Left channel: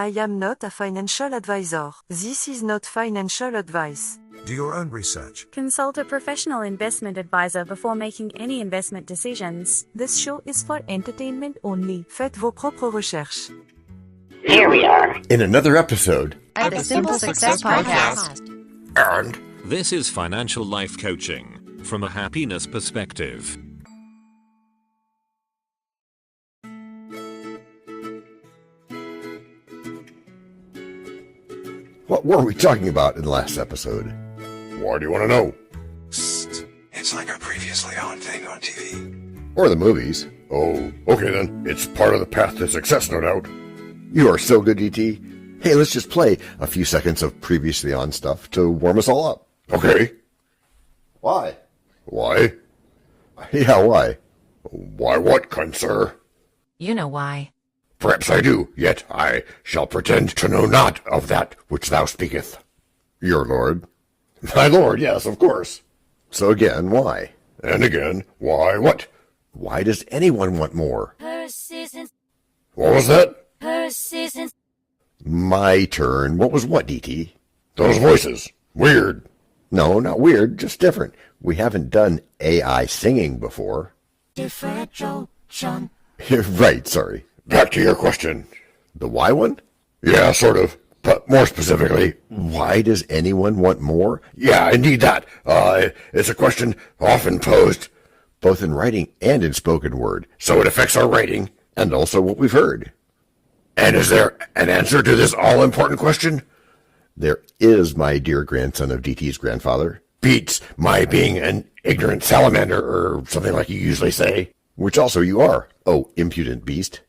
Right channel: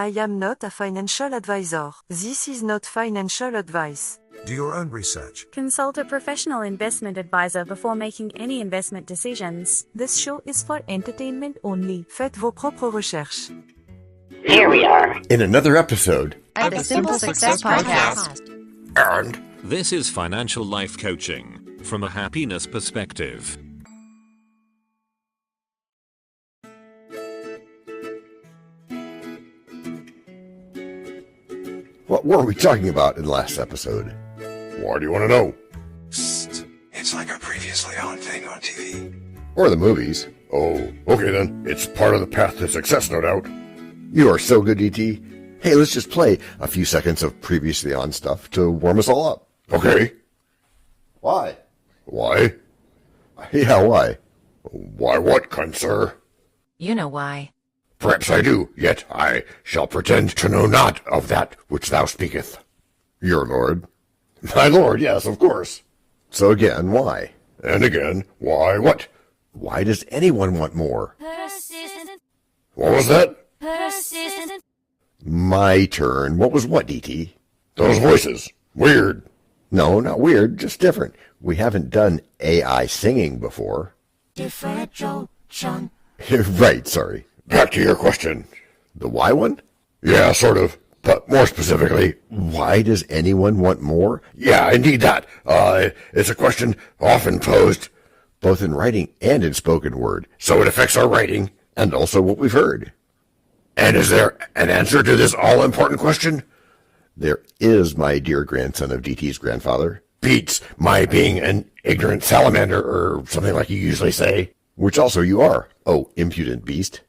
I am not a financial advisor. This is not financial advice. Do your own research. Consult a professional investment advisor before making any investment decisions. This show is for entertainment only. Faites vos propres recherches. Here we are in another episode of the Simple Success Podcast. And this is financial life coaching from a happiness perspective. what were we talking about in the last episode? Why do you want to know? Psst. It's like a previously on thing on TV. Or the movies. Oh, okay then. It's part of the path to success, no doubt. You are so good, E.T. Hey, let's just play a few seconds of previously on stuff to warm us all up. Okay. Why? Why? Yeah, why? Why what, kind sir? You know why. Perhaps I do, yet I shall pretend to know not of that which thou speaketh. Your lord. My lord, yes, of course. So again, why? And again, why what? Why does anyone want more? Persistent. What was that? Persistent. My turn. What was what, D.T.? Those voices. Weird. No, not weird, just different. We haven't done AI singing before. Differential, Sean. Right, sorry. Back to your question. The why one? Yeah, sort of. But more specifically, why does anyone want more? Yeah, indeed that. It's a question often posed, both in writing and in spoken word, so it affects our writing and also what we've heard. And is there an answer to this all-important question? There is, my dear grandson of DT's grandfather. Beats my being an ignorant salamander, or something like you usually say. Which also you are, oh impudent beast.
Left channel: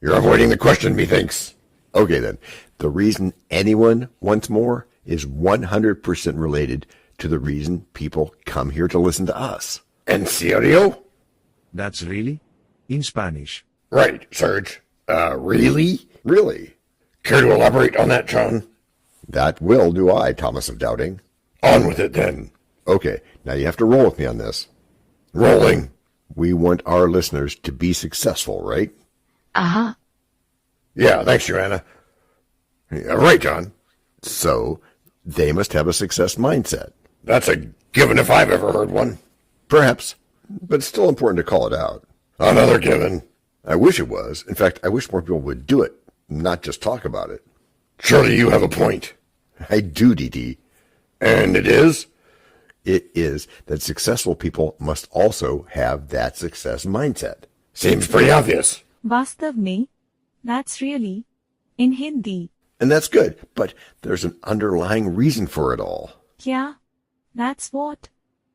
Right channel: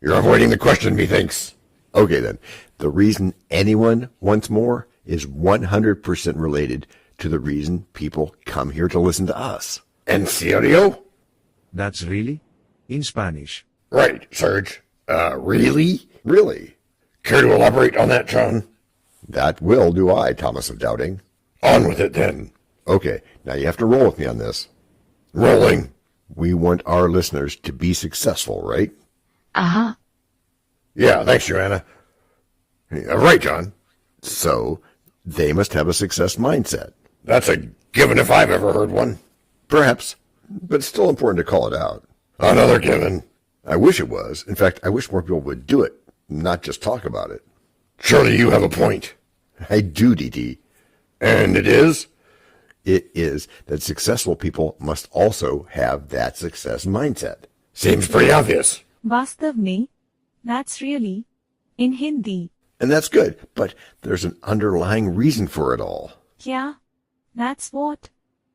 You're avoiding the question, methinks. Okay then, the reason anyone wants more is 100% related to the reason people come here to listen to us. En serio? That's really? In Spanish. Right, Serge. Really? Really? Care to elaborate on that, John? That will do I, Thomas of Doubting. On with it, then. Okay, now you have to roll with me on this. Rolling. We want our listeners to be successful, right? Uh-huh. Yeah, thanks, Joanna. Yeah, right, John. So, they must have a success mindset. That's a given if I've ever heard one. Perhaps, but it's still important to call it out. Another given. I wish it was. In fact, I wish more people would do it, not just talk about it. Surely you have a point. I do, DD. And it is? It is that successful people must also have that success mindset. Seems pretty obvious. वास्तव में, that's really, in Hindi. And that's good, but there's an underlying reason for it all. क्या? That's what?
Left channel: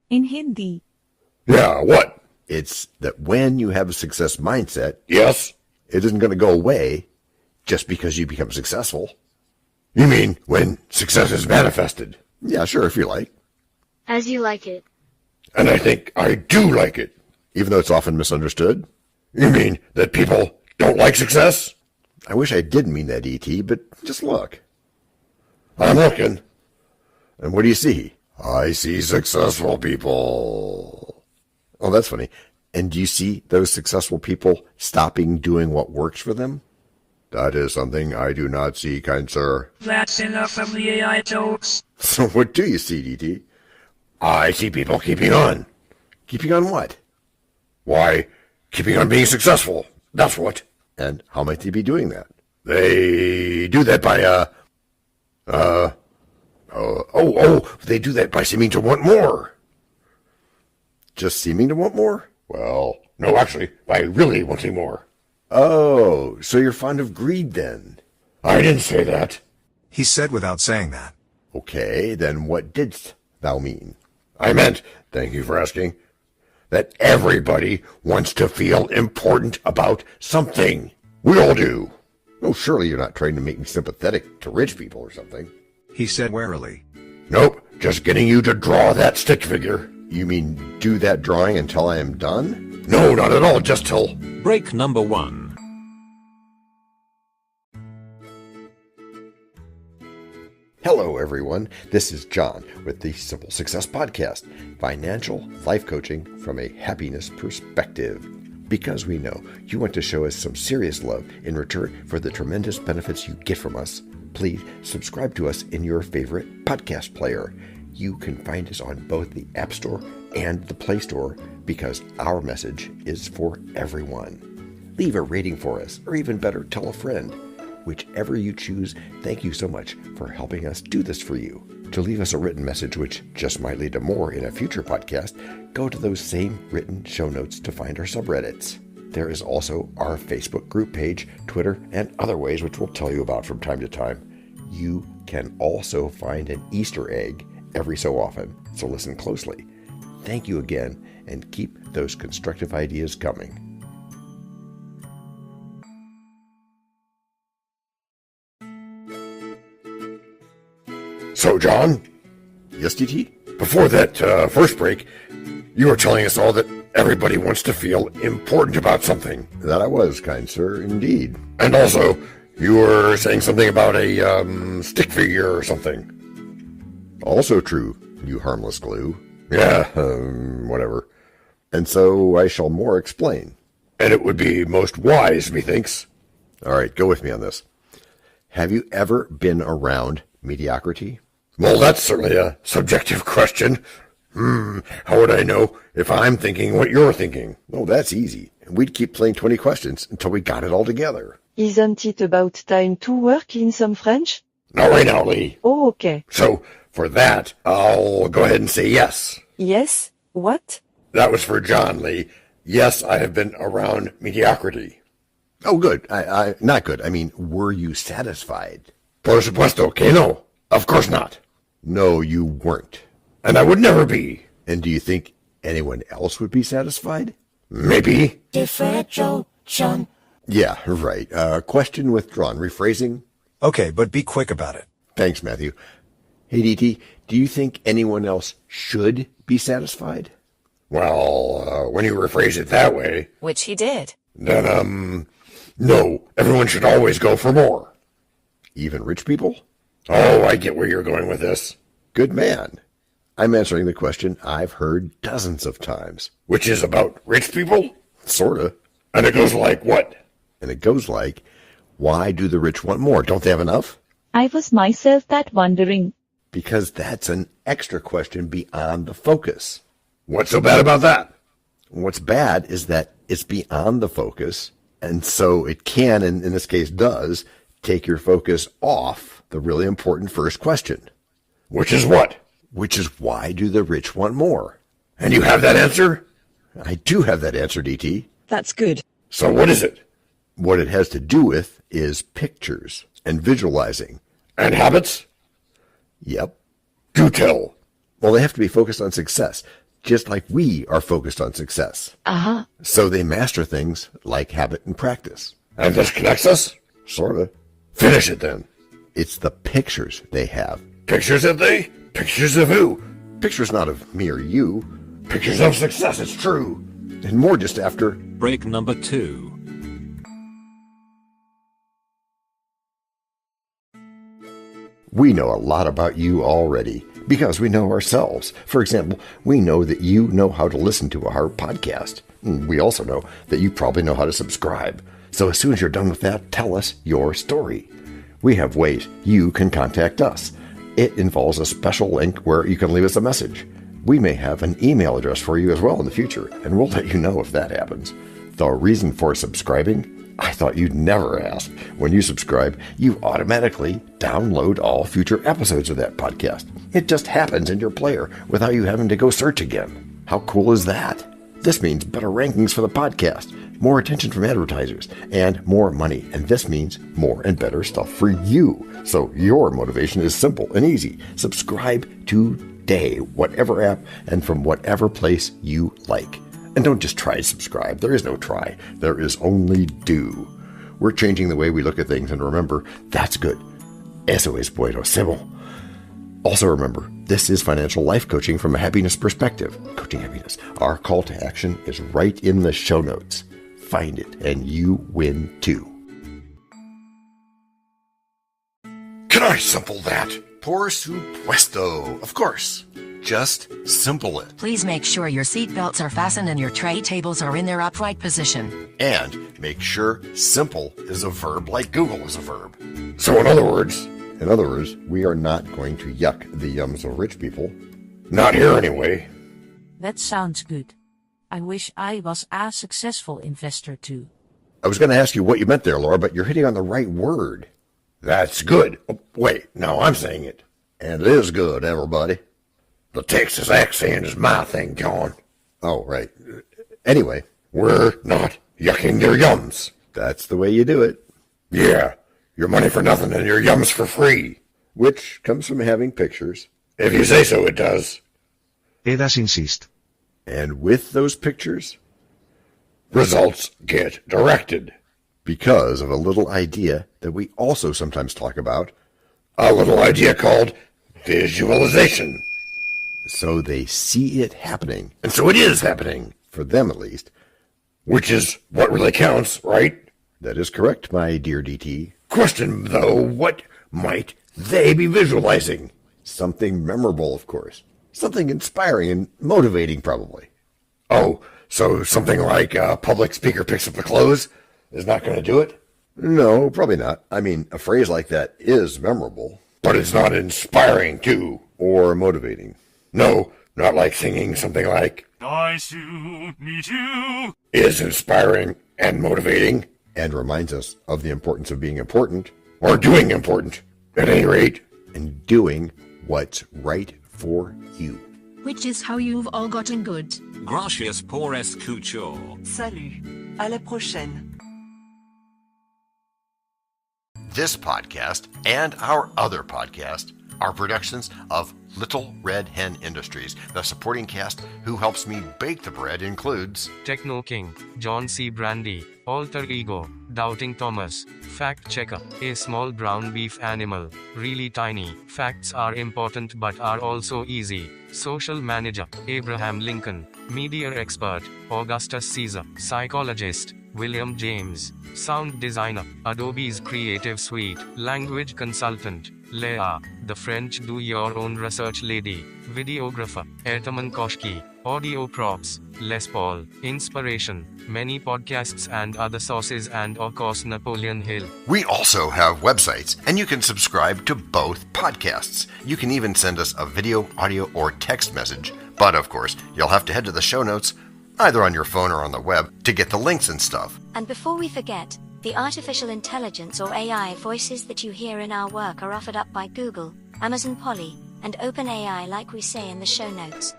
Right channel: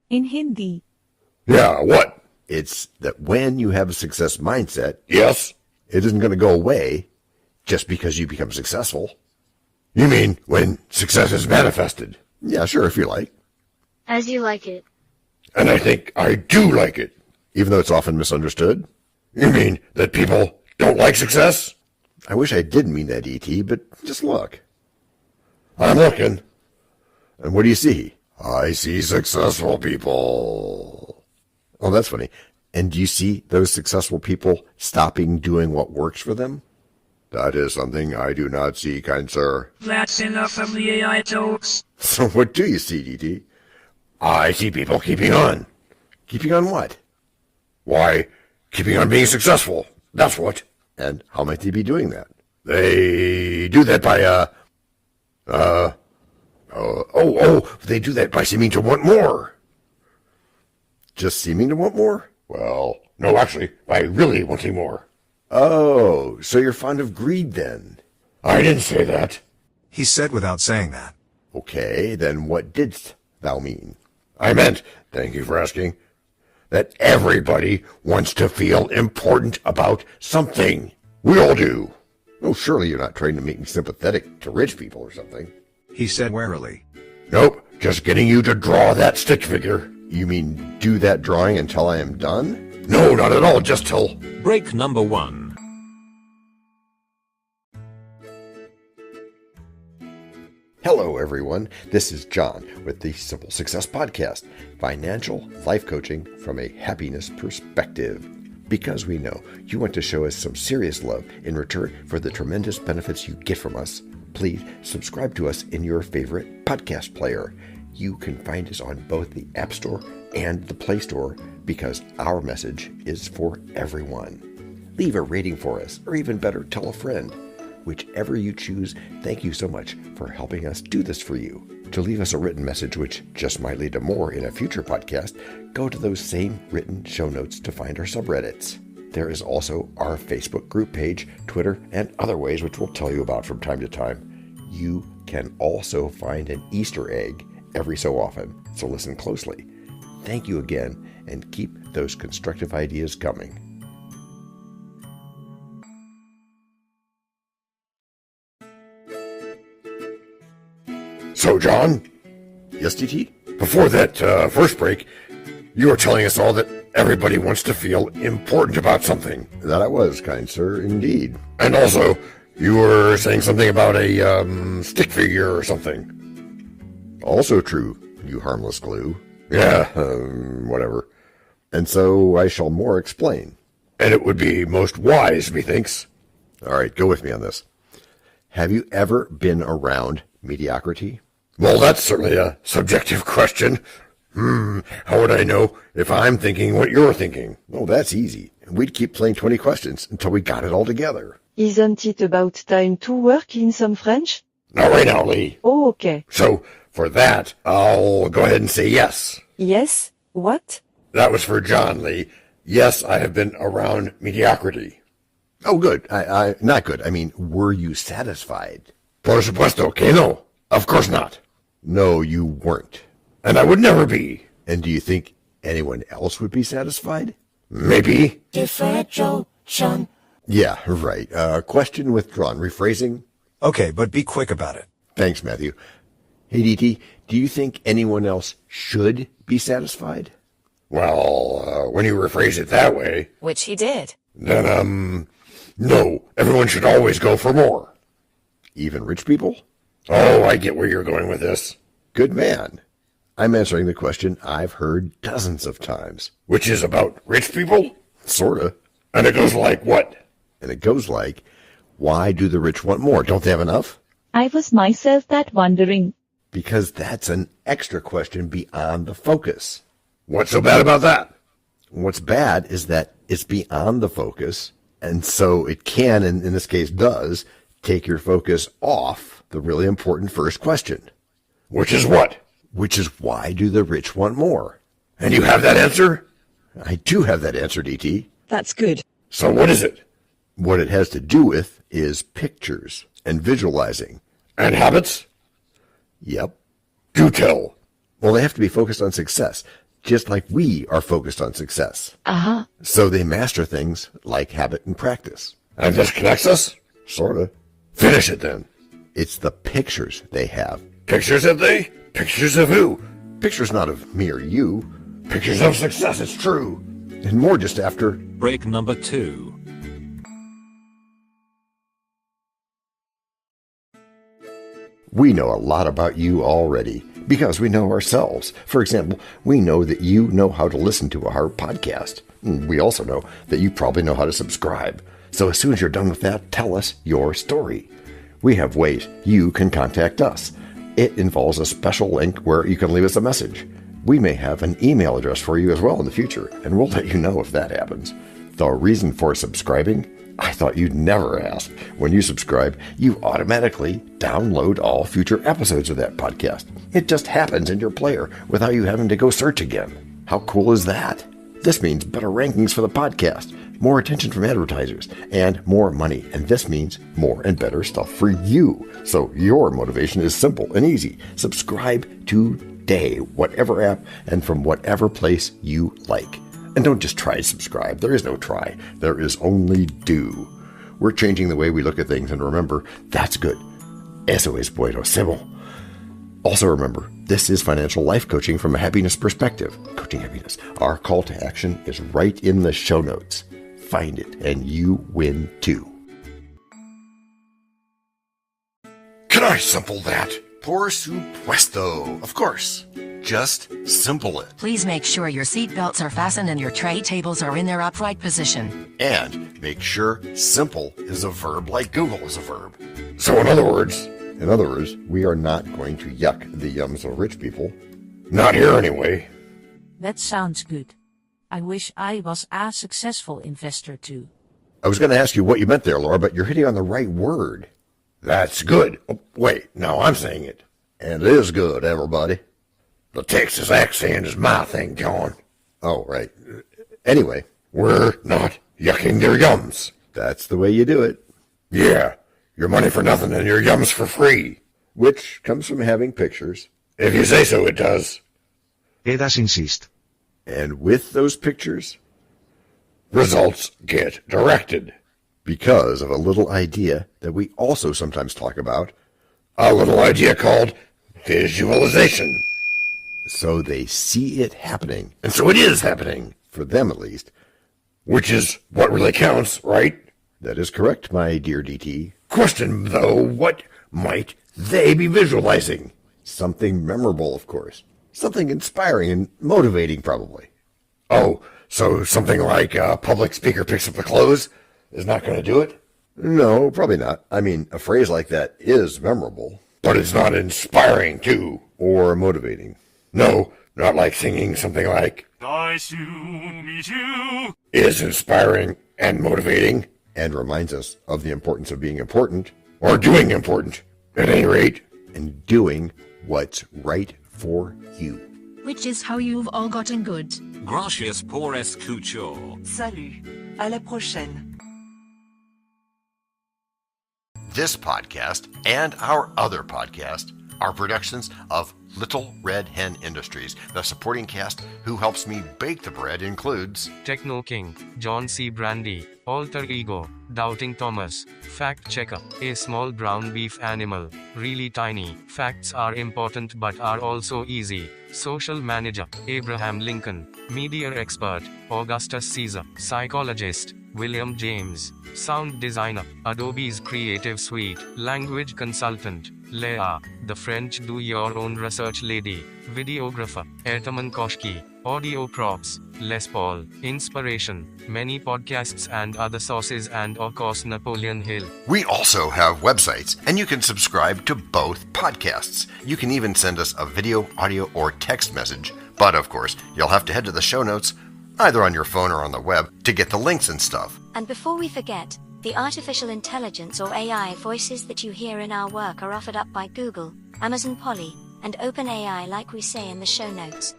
In Hindi. Yeah, what? It's that when you have a success mindset, yes, it isn't going to go away just because you become successful. You mean when success is manifested? Yeah, sure, if you like. As you like it. And I think I do like it, even though it's often misunderstood. You mean that people don't like success? I wish I didn't mean that, E.T., but just look. I'm looking. And what do you see? I see successful people. Oh, that's funny. And do you see those successful people stopping doing what works for them? That is something I do not see, kind sir. That's enough of the AI jokes. So what do you see, D.T.? I see people keeping on. Keeping on what? Why, keeping on being successful. That's what. And how might they be doing that? They do that by, they do that by seeming to want more. Just seeming to want more? Well, no, actually, by really wanting more. Oh, so you're fond of greed then? I didn't say that. He said without saying that. Okay, then what didst thou mean? I meant, thank you for asking, that everybody wants to feel important about something. We all do. Oh, surely you're not trying to make me sympathetic to rich people or something. He said warily. Nope, just getting you to draw that stick figure. You mean do that drawing until I am done? No, not at all, just till... Break number 1. Hello, everyone. This is John with the Simple Success Podcast, financial life coaching from a happiness perspective. Because we know you want to show us some serious love in return for the tremendous benefits you get from us, please subscribe to us in your favorite podcast player. You can find us on both the App Store and the Play Store because our message is for everyone. Leave a rating for us, or even better, tell a friend. Whichever you choose, thank you so much for helping us do this for you. To leave us a written message, which just might lead to more in a future podcast, go to those same written show notes to find our subreddits. There is also our Facebook group page, Twitter, and other ways which we'll tell you about from time to time. You can also find an Easter egg every so often, so listen closely. Thank you again, and keep those constructive ideas coming. So, John? Yes, DT? Before that first break, you were telling us all that everybody wants to feel important about something. That I was, kind sir, indeed. And also, you were saying something about a stick figure or something. Also true, you harmless glue. Yeah, whatever. And so I shall more explain. And it would be most wise, methinks. All right, go with me on this. Have you ever been around mediocrity? Well, that's certainly a subjective question. How would I know if I'm thinking what you're thinking? Oh, that's easy. We'd keep playing 20 questions until we got it all together. Isn't it about time to work in some French? Not right now, Lee. Oh, okay. So, for that, I'll go ahead and say yes. Yes? What? That was for John, Lee. Yes, I have been around mediocrity. Oh, good. I not good. I mean, were you satisfied? Por supuesto que no. Of course not. No, you weren't. And I would never be. And do you think anyone else would be satisfied? Maybe. Differentiation. Yeah, right. Question withdrawn. Rephrasing? Okay, but be quick about it. Thanks, Matthew. Hey, DT, do you think anyone else should be satisfied? Well, when you rephrase it that way, Which he did. then, no. Everyone should always go for more. Even rich people? Oh, I get where you're going with this. Good man. I'm answering the question I've heard dozens of times. Which is about rich people? Sorta. And it goes like what? And it goes like, why do the rich want more? Don't they have enough? I was myself that wondering. Because that's an extra question beyond the focus. What's so bad about that? What's bad is that it's beyond the focus, and so it can, and in this case does, take your focus off the really important first question. Which is what? Which is, why do the rich want more? And you have that answer? I do have that answer, DT. That's good. So what is it? What it has to do with is pictures and visualizing. And habits? Yep. Do tell. Well, they have to be focused on success, just like we are focused on success. Uh-huh. So they master things like habit and practice. And this connects us? Sorta. Finish it then. It's the pictures they have. Pictures of they? Pictures of who? Pictures not of me or you, Pictures of success, it's true. and more just after. Break number 2. We know a lot about you already because we know ourselves. For example, we know that you know how to listen to our podcast. We also know that you probably know how to subscribe. So as soon as you're done with that, tell us your story. We have ways you can contact us. It involves a special link where you can leave us a message. We may have an email address for you as well in the future, and we'll let you know if that happens. The reason for subscribing? I thought you'd never ask. When you subscribe, you automatically download all future episodes of that podcast. It just happens in your player without you having to go search again. How cool is that? This means better rankings for the podcast, more attention from advertisers, and more money. And this means more and better stuff for you. So your motivation is simple and easy. Subscribe today, whatever app and from whatever place you like. And don't just try to subscribe. There is no try. There is only do. We're changing the way we look at things, and remember, that's good. Eso es buenísimo. Also remember, this is financial life coaching from a happiness perspective. Coaching happiness. Our call to action is right in the show notes. Find it, and you win too. Can I sample that? Por supuesto, of course. Just simple it. Please make sure your seatbelts are fastened and your tray tables are in their upright position. And make sure simple is a verb like Google is a verb. So in other words, we are not going to yuck the yums of rich people. not here anyway. That sounds good. I wish I was a successful investor too. I was going to ask you what you meant there, Laura, but you're hitting on the right word. That's good. Oh, wait, now I'm saying it. And it is good, everybody. The Texas accent is my thing, John. Oh, right. Anyway, We're not yucking your yums. that's the way you do it, Yeah, your money for nothing and your yums for free. which comes from having pictures. If you say so, it does. Edas insist. And with those pictures, Results get directed. because of a little idea that we also sometimes talk about, A little idea called visualization. so they see it happening, And so it is happening, for them at least. which is what really counts, right? That is correct, my dear DT. Question, though, what might they be visualizing? Something memorable, of course. Something inspiring and motivating, probably. Oh, so something like a public speaker picks up the clothes is not going to do it? No, probably not. I mean, a phrase like that is memorable. But it's not inspiring, too. Or motivating. No, not like singing something like, I soon meet you. is inspiring and motivating, And reminds us of the importance of being important or doing important, at any rate. and doing what's right for you. Which is how you've all gotten good. Gracias por escuchar. Salut. À la prochaine. This podcast and our other podcast are productions of Little Red Hen Industries. The supporting cast who helps me bake the bread includes Techno King, John Brandy, Alter Ego, Doubting Thomas, Fact Checker, a small brown beef animal, really tiny, facts are important but are also easy, Social Manager, Abraham Lincoln, Media Expert, Augustus Caesar, Psychologist, William James, Sound Designer, Adobe's Creative Suite, Language Consultant, Leah, the French do-your-own research lady, Videographer, Ertaman Koshki, Audio Props, Les Paul, Inspiration, many podcasts and other sources and of course Napoleon Hill. We also have websites, and you can subscribe to both podcasts. You can even send us a video, audio, or text message. But of course, you'll have to head to the show notes, either on your phone or on the web, to get the links and stuff. And before we forget, the artificial intelligence or AI voices that you hear in our work are offered up by Google, Amazon Polly, and OpenAI like we say in the show notes.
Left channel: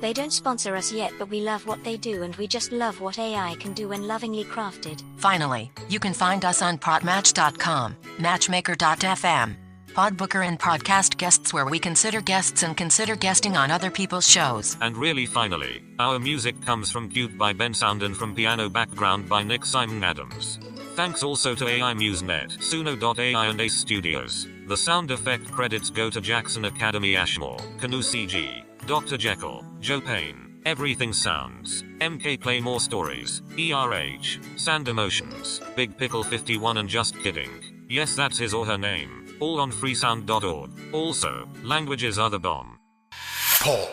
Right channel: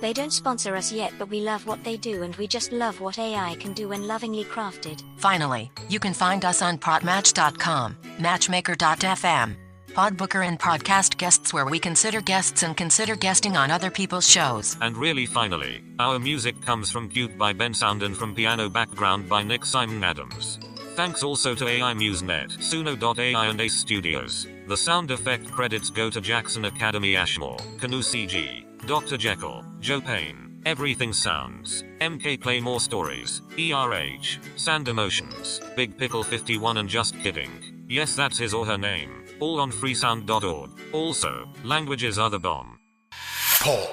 They don't sponsor us yet, but we love what they do and we just love what AI can do when lovingly crafted. Finally, you can find us on podmatch.com, matchmaker.fm, Podbooker, and podcast guests, where we consider guests and consider guesting on other people's shows. And really finally, our music comes from Cute by Ben Sound and from Piano Background by Nick Simon Adams. Thanks also to AI MuseNet, Suno.ai and Ace Studios. The sound effect credits go to Jackson Academy Ashmore, Canoe CG, Dr. Jekyll, Joe Payne, Everything Sounds, MK Play More Stories, ERH, Sand Emotions, Big Pickle 51 and Just Kidding. Yes, that's his or her name. All on freesound.org. Also, languages are the bomb. Paul.